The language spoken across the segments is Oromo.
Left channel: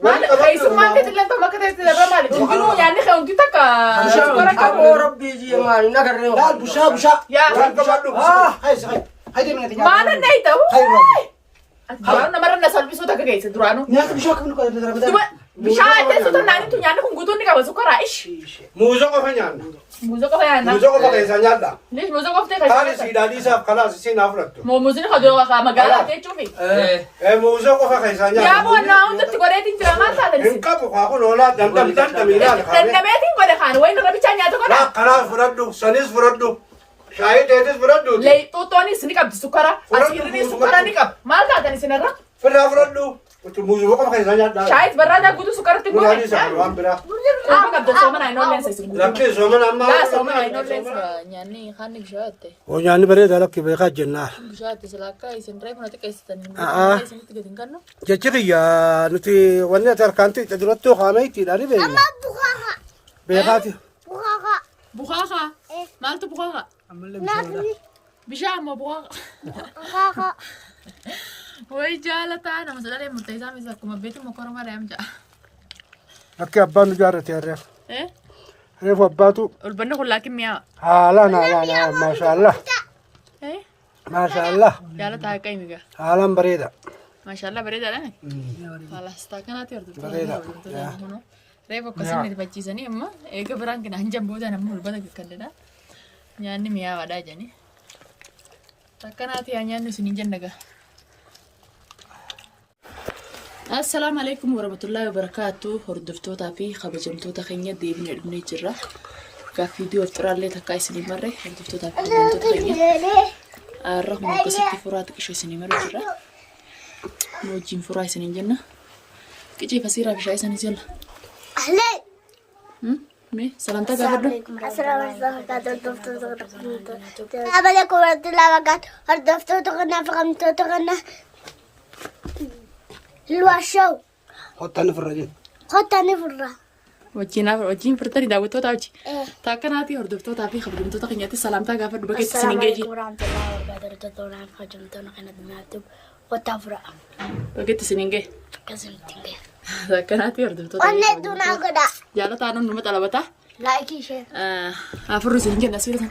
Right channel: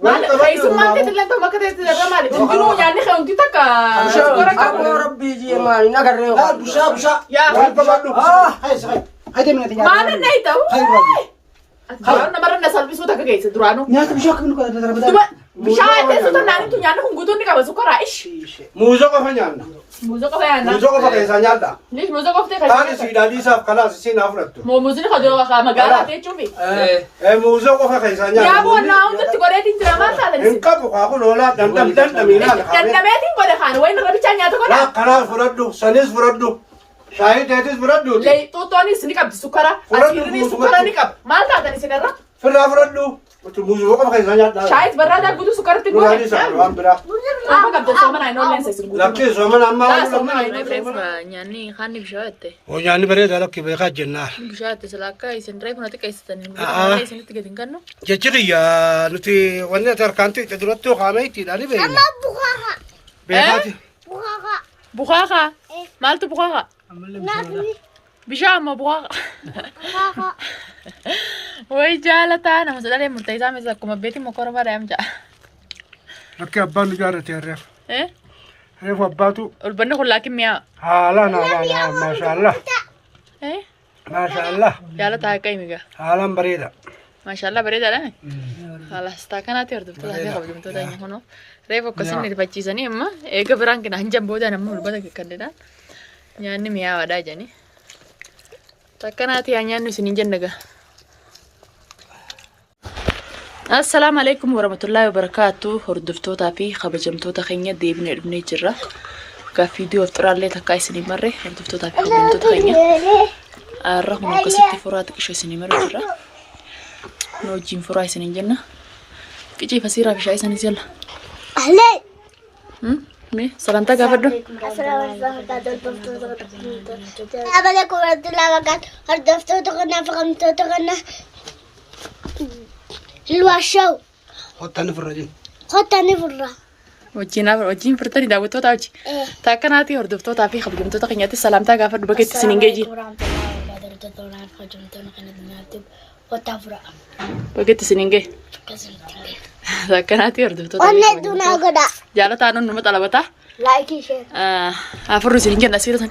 ولقبت ما تتلقى ما كنت رمالي تنجنوا يعني خونتي تكا ربي جي مالي نقرر لا بشا يا هاي من الدنيا ما أنا نيتا أنا مرة الناس اللي بيسوتها كيس درانو نيات بشاك من كذا مش عارف تسوتها ناني تنيانو خنقولوني كذا سكر عيش موزق فنيان موزق فيانا موزق فكيس نيادا ليش موزق في أنا سيدادي ساف خلاص سين أفرده مو موزين خدوا خا مقالة تيجوفي موزق فكيس نيادا يا أبو أنا أنت تقولي تنترما هذا إن كابو خاكو لولا دم ميلاد تنتميتين قولي خان وين ربي تاني أتقول لا خلاص فردو سنيس فردو شاهد هيتس فردو لي توتوني سنيك أبدي سكرة أسيرني سكرة نيكاب ما لقى سنيرة فردو موزق فكيس نيادا شايد برا ده قدو سكرة تقول مغادي سافر بلا ما قبل سوما ناينون نسيس لكن زمان أما لا سوما ناينون يعني خاني بشواتة ويعني بريد على كيف يخرج جناه بشواتة سلاكا يسن رايف نتك يستني يسن تجدين كانوا جتري يا نتي وانا تركانتي تدرتو خاميتي داري بينا أما بخاخة بيناتي بخاخة بخاخة مالت بخاخة ناكلي بشام بخاخة بخاخة وي جالتا أنا مسألة لي مرتيزة مثل كم بيتي مكورة ما رأيم جا لكن أبان جارت يا ريف إيه ريف أباتو والبنا كلها كمية لا ما شاء الله إيه ما شاء الله جالتا هاي ميجا عالم بريدة ما شاء الله بريدة لا خلاص تاكناتي أردت تلا هي خبز من تودا هنا ريفو كسر نربتشي سني أما إيه كبران كنا هنجم بودا نمو البدا كندنا يعني مياه ودا جاني تاكناتي هنيا نسني جنّا السلام عليكم ورحمة الله وبركاته هردفتوتا في خبجمتوتا خينيا ديبني ابني جرا كفيديو افترار لي تكاي سني مرة هردفتوتا في خبجمتوتا خينيا الرغم من قصتي فرات كشوي سني مرة جرا نو جيم فراي سني جنة كيجي فسيرة في شاي سني زيلا أهلي مي سلامتا قابردو السلام عليكم ورحمة الله وبركاته هردفتوتا غنا فغمتوتا غنا الواشو خدتني في الرجل خدتني في الرا وجين فرتني داوتوتا وجي تاكناتي هردفتوتا في خبجمتوتا خينيا سلامتا قابردو بقيت سنين جيجي ورحمة الله وبركاته خبجمتونا خينا دمياتو وتفرع بقيت سنين جي كسلتني تاكناتي هردفتوتا وانا دونا غدا جالتا أنا نمت على بتا لايك شير أفرز سنين جنة سيرة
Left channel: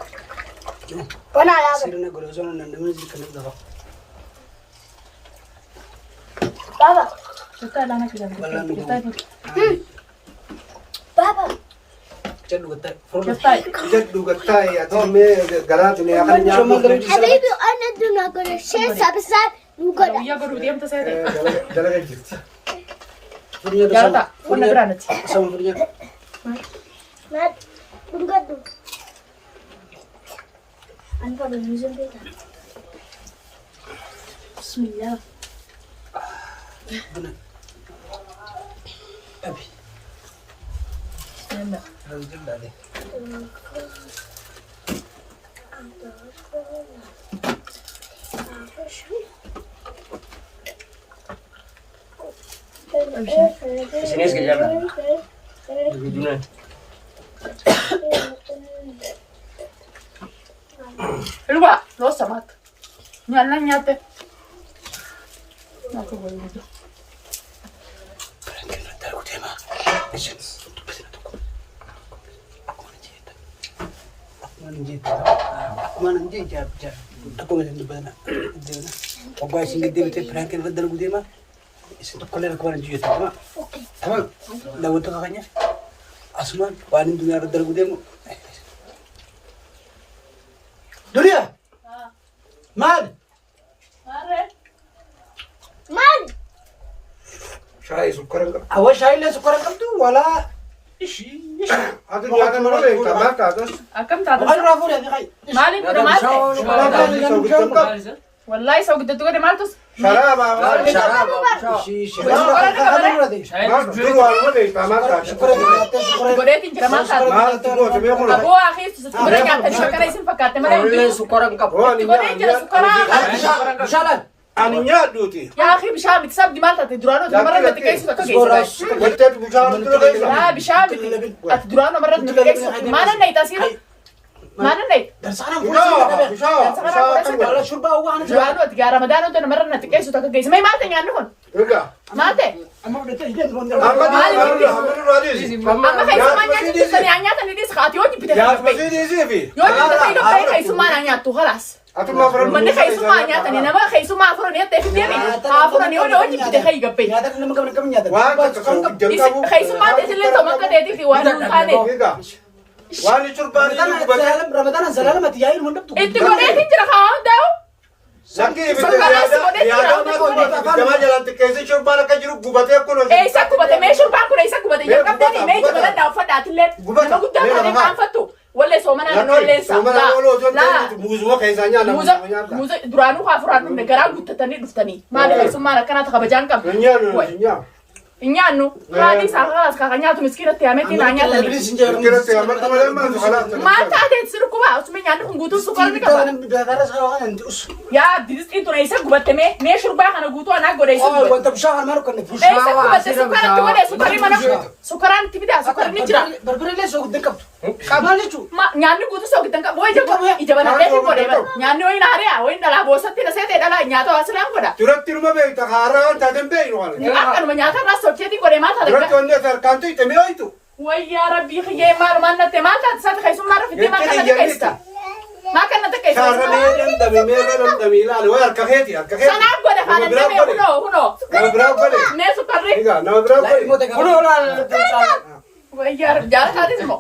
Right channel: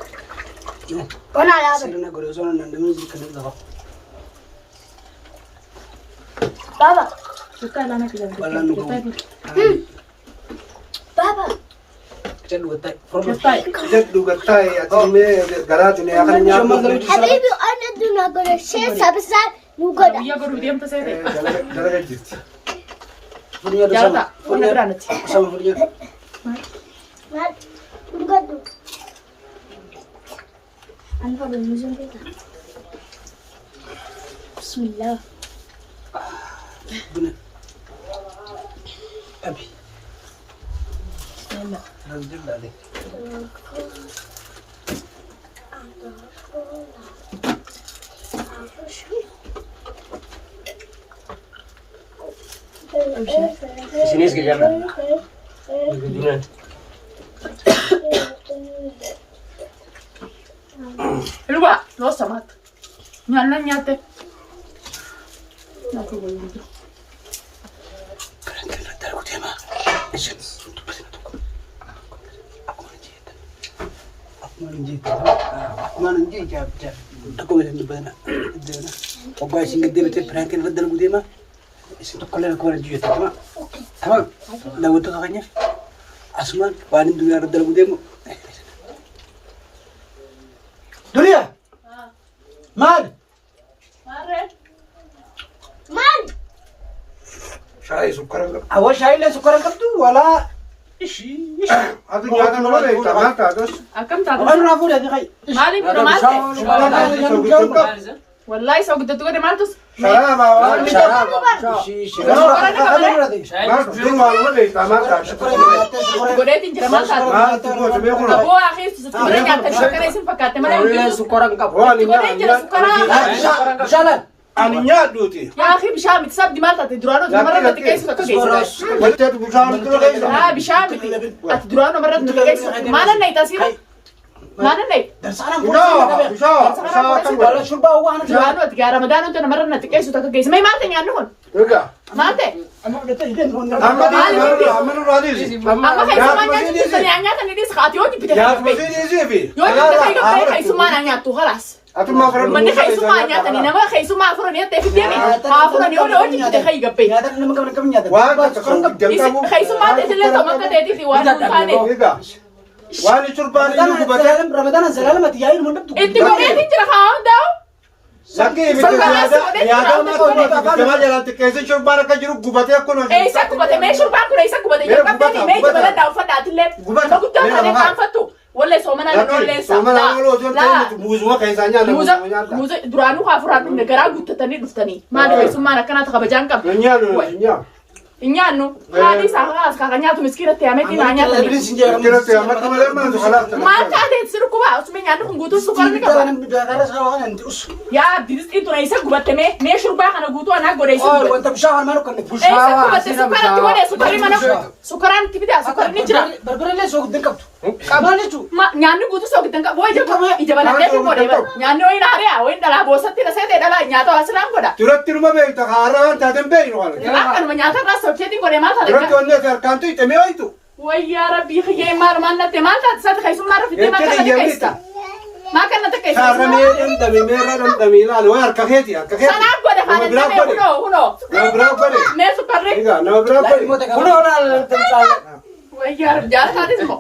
وانا لا سيرنا قلوزون نندمج كنا دغ بابا ولا نقول بابا جدو قتاي أتمي قراتني يا خلني حبيبي انا دونا غدا شير سبسار نو غدا يا قرو ديم تسيدي درجة جت جالتا وانا جرانت سام فريق لا نغدو انا بابا نزل بيتا بسم الله أبي يلا الحمد لله Sini sekejap lah. Begini. الوا لو سمعت يلا نياتي لا تقول لي ما نجي جاب تقول إن بنا أبغى يسني دي بتي فرانك الفضل قديمة يسني كلنا كون نجي تمام تمام لو أنت كغني أسمان وأنا الدنيا الفضل قديمة دنيا مال مان شاي سكر Awal saya dah sekarang kamu tu wala. هذا نياك نقول إيه تمام كذا أكم تعرف Bukan rafu dah ni kai. مالي مالي والله سو قد تقولي مالتوس شراب Syarab. ما تقول والله إيه تمام كذا قولي تنجر مالتها ما تقول تبي يقول هو أخي تسكت كاتب شكرا يسين فكاتب ما Boleh يقول sekarang kamu. هو أنا تقولي تنجر سكرا Berjalan. أنا نياد دوتي يا أخي بشام تساب دي مالتها تدرانو مرة تكيس تكيس قلت بشام تقول لا بشام تدرانو مرة تكيس ما أنا نيتاسير Mana nih? Darsana Bishaa kam Wala shurba waan Jualan tuh tiga Ramadan tuh nomor nanti kayak sudah kayak semai mate nyan nun. Ega. Mate. amma da tajidan on Amanu radis. Amma kayak semuanya itu nyanyi tadi di sekati wajib kita. Ya masih di sini. Yo kita kayak semua nanya tuh halas. Atu ma faran. Mana kayak semuanya tadi nama kayak semua furon ya tapi dia nih. Furon yo wajib kita kayak gape. nyata naman gamar kami nyata Wah, kakak jam kamu. Kayak semua dia jelas sama kita tadi kiwan tadi. Ega. Wani churbani ni gubate. Ramadan zalala mati yayin mun dabtu Itu kau dia tidak kau tahu. Laki bitu ya ma to jama jalan kese churbana ka jiru gubate ko no. Isa kubate me shurban kuna isa kubate ya kapte me jabala da fada atlet. Ma gutta ne ma fatu. Wala so mana no le sa. So mana lo jon tan muzu wa kaisa nya na muza duranu ka furanu ne gara gutta tani duftani. Ma da kai sumana kana ta kabajan kam. nya no nya. Inyanu. Wadi sa ka kakanya tu miskina te ameti na nya tani. Kira te amma to le ma to khalas. Ma ta de siru kuba usme nya ku gutu su kol mi ka. Ya bilis itu na isa kubate me shurba kana gutu ana gode isa. Oh wanta bishahar manu kan Isa kubate sukaran tu wala sukari mana. Sukaran tibida sukar ni jira. berbere le so dekap kabale chu Ma nyanni gutu so kitan ka boy je ko ijabana de ko de. Nyanni oi na ria oi dala bosati na se de dala nya to aslam ko da. Turat tiruma be ta khara ta dem be no wala. Akan menyata na so cheti ko de mata Turat de. onne fer kantu te me oitu. Wai ya rabbi khiye mar man te mata sa ta khaisu mar fiti ma kana kaista. Ma kana ta kaista. Khara me dan da me la lo yar ka kheti yar ka kheti. Sana ko de khana me huno. Na bravo kare. Me super re. Ega na bravo kare. uno na tensa Wai ya jar ka de mo.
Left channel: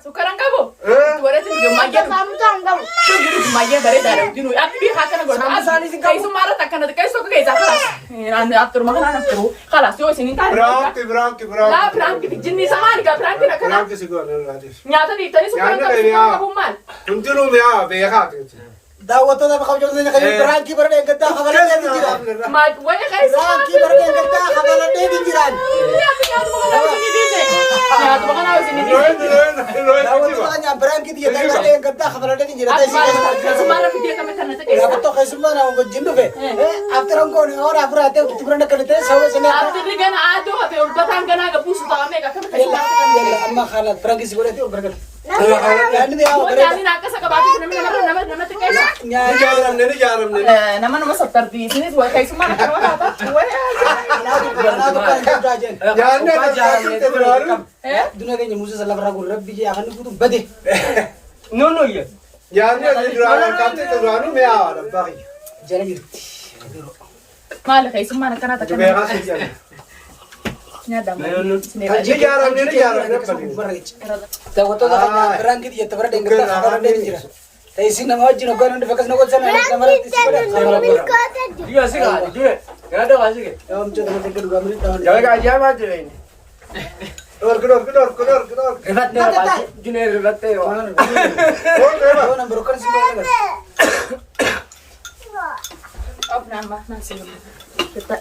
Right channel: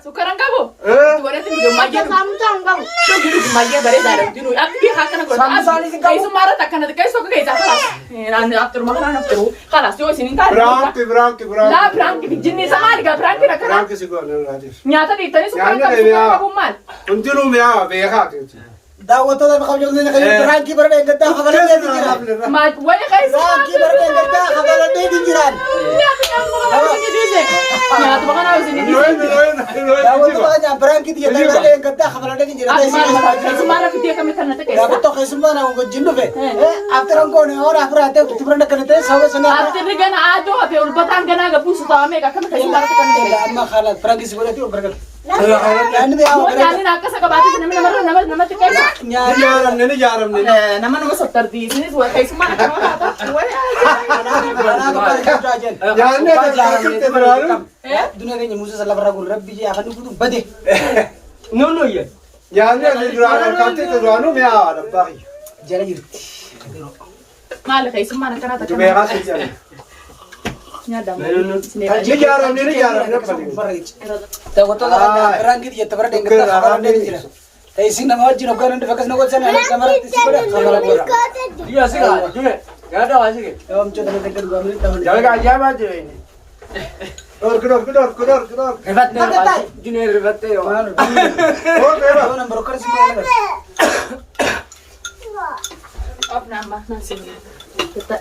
Sukaran ka bo. Tu ore ti jo magya samtang ka. Tu giru magya bare dare diru. Ak bi hakana go. Khaisu mar ta kana kaiso ko kaisa khalas. Na after ma khana after. Khalas yo sinin ka. Branti. La prank jinni samari ga prank na kana. Branti sigo na radis. Nyata di tani sukaran ka bumal. Untiru me a be kha ke. dawa to da khaw jone khayo branki barade gadda khabala de dinjiran Ma wai khaisu. branki barade gadda khabala de dinjiran Nyata magana sini bize. Nyata magana sini bize. dawa to da branki di barade gadda khabala de dinjiran Khaisu mara fiti ka metana ta ya kaisa. to khaisu mana ngo jindu fe after ko ne ora afra te tubrana kanete sawa sene After gana ado ape ulbatan gana ga pusu ta me ka kan khaisu mara ta kan de. amma khala branki sigore ti barkat Mo nyani na ka saka bati nama ta kaisa. Jaram ne. Nama nama sattar di sini wa khaisu mara ka wa ta. Wai. ana to kar ka jajen Ya ne da te bararu. dunia ke musa sallallahu alaihi wasallam rabbi je akan kudu bade No ye. Ya ne da dura ka te te dura no me a da ba. jara jirti Mala khaisu mara kana ta kan. Me ga se ya. Nyada mo. Ne jaram ne dawa to da branki di barade gadda khabala de dinjiran tay sin nama jino garan de fakas no wajana kamar ti sigore Dia siga. Dia. Ya da asike. am cho da tekar gamin tahan Jangan ka ya ma je ini. Kedor. Rebat Junaid rebat yo. do number kan sigore Op nama nasi. Kita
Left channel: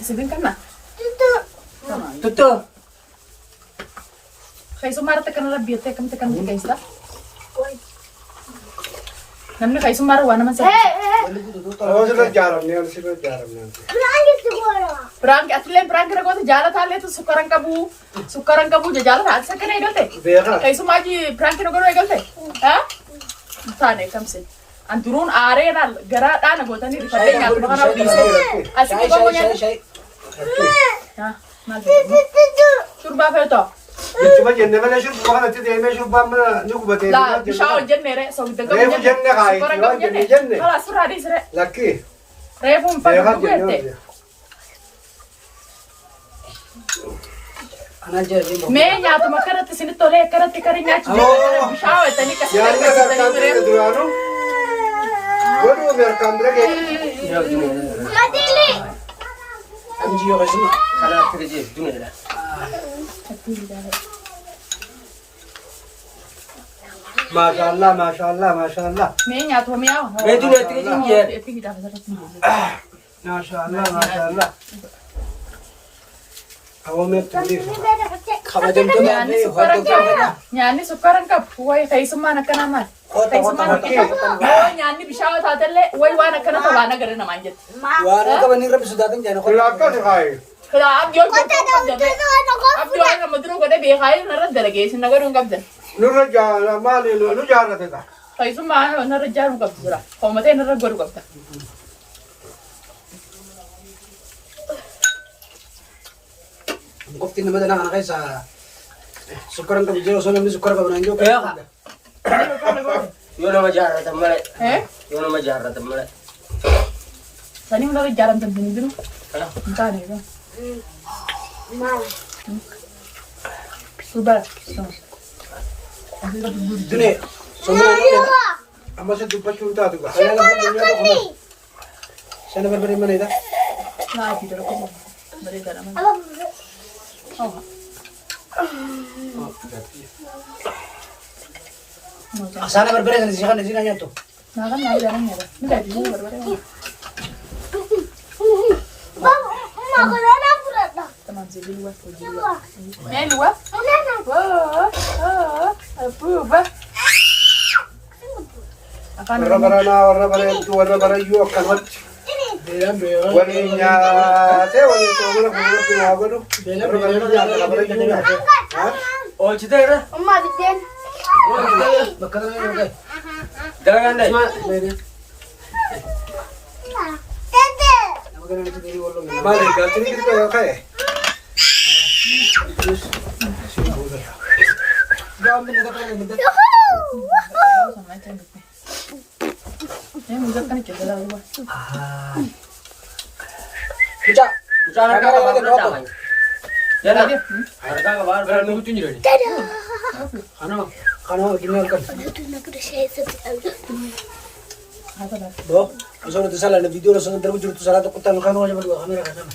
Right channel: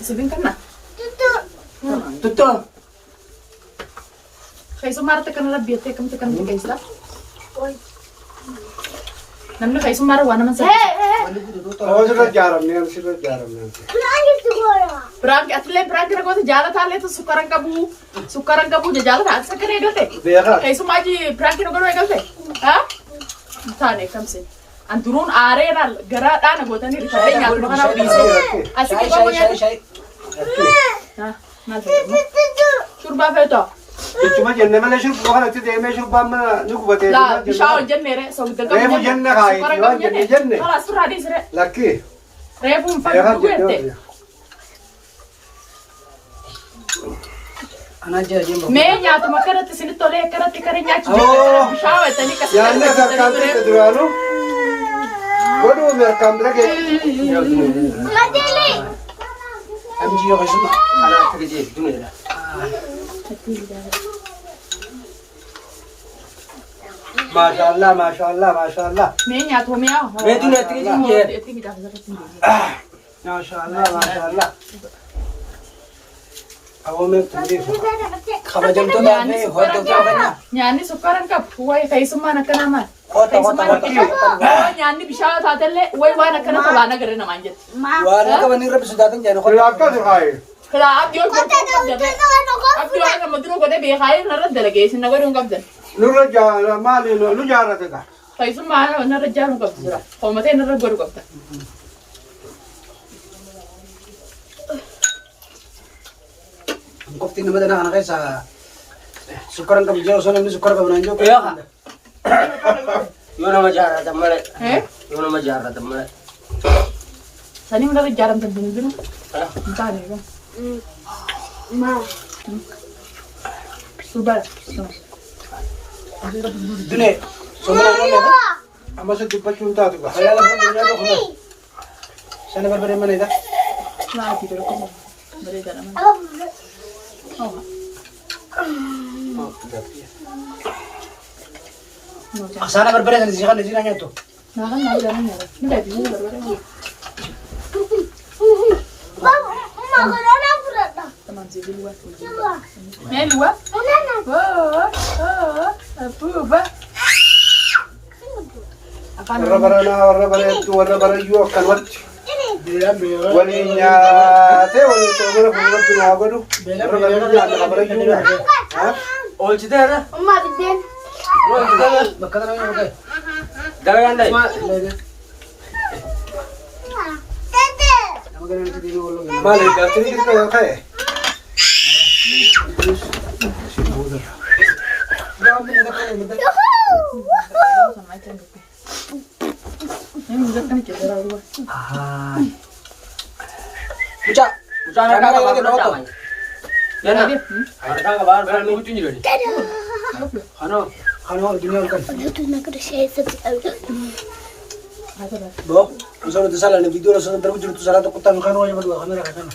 sibin kana. Tutu. Khaisu mara ta kan rabbi ta kam ta kan ta kaisa. Namni khaisu mara wa naman sa. Oh siga jaram ne. Prank atle prank ra ko to jala thale to sukaran kabu je jala tha sakre galte. Bega. Khaisu maji prank ro garo galte. Ha? Thane kam se. Anturun are na gara da na gotani ri thale nya to kana piso. Asike ko ya. shay Ha. Mal. Shurba fe to. Cuma jenne mala shurb kana ti de me shurb ma ni ku bate. La bishaw jenne re so bidaga. Refu jenne khai, jenne. Khalas sur hadis re. Laki. Refu fa Bega gerte. jenne. ana jaje Me nya to makarat sini tole karat kare nya chi. Bishaw tani ka. Ya ne sarkan te durano. Godu mer kambre ke. am jiyo khasuma Ada te je dunia. Masyaallah. Me nya to me aw. Me tu ne tike jinje. Tini da fa tini. Masyaallah. Awo me tuli. khabajam to da me ho to kana Nyani sukaran ka wai khaisu mana kana ma. kota Nyani bishaw tha telle wai wana kana to lana gare na manjet. wala to ni rabbi sudatin jani Laka tu hai. Kala ab diyor ko. Ab diyor na madro ko de be khai na ra delegation na garung kabden. Nurra maali nu jaarrate ka. Keessumaa narra ijaaruun qabdi jira. Hoomatee narra godhu qabda. Qofti nama dana kana keessa sukkaran qabu jira osoo namni sukkara qabu naan jiru. Yoo nama jaarratan malee. Eh? Yoo nama jaarratan malee. Sanii hundarra ijaaramtan hin jiru. Hin taane egaa. Subara. Dune somana nana amma se dubbachuun taatu gaa. Halala fuudhee nyaata kuma. Sana barbare mana ida. Naa fi dara kuma. Bareeda nama. Sana barbare sana si kan sini nyato. Naa kan naa jalan nyaata. Ni dah bisa baru. Teman saya luar. Luar? Oh, apa? Warra bara iyyuu akkan walitti. Waliin nyaatee waliin soomana fuulduratti naa godhu. Warra bara iyyuu nyaata bara iyyuu nyaata. Oolchitee irra. Umma diddeen. Bakka kana yoo ta'e. Dalagaan dhayi. Nama kana nuti deemee wallo galee. Maali gaaftii xixiqqoo yoo ka'e. Gaafni nada kana nada. Ini mudah kan cedera luar. Kuca. Mucaan harkaa qabaa fudhadhaa Kuca. wayya. Jana. Harkaa qabaa fudhadhaa huccuun jiru. Kana gini kan. Itu nak ada saya seperti Bo, usah ada salah video usah ada terus tu salah tu kutan kan wajah berdua kamera kan.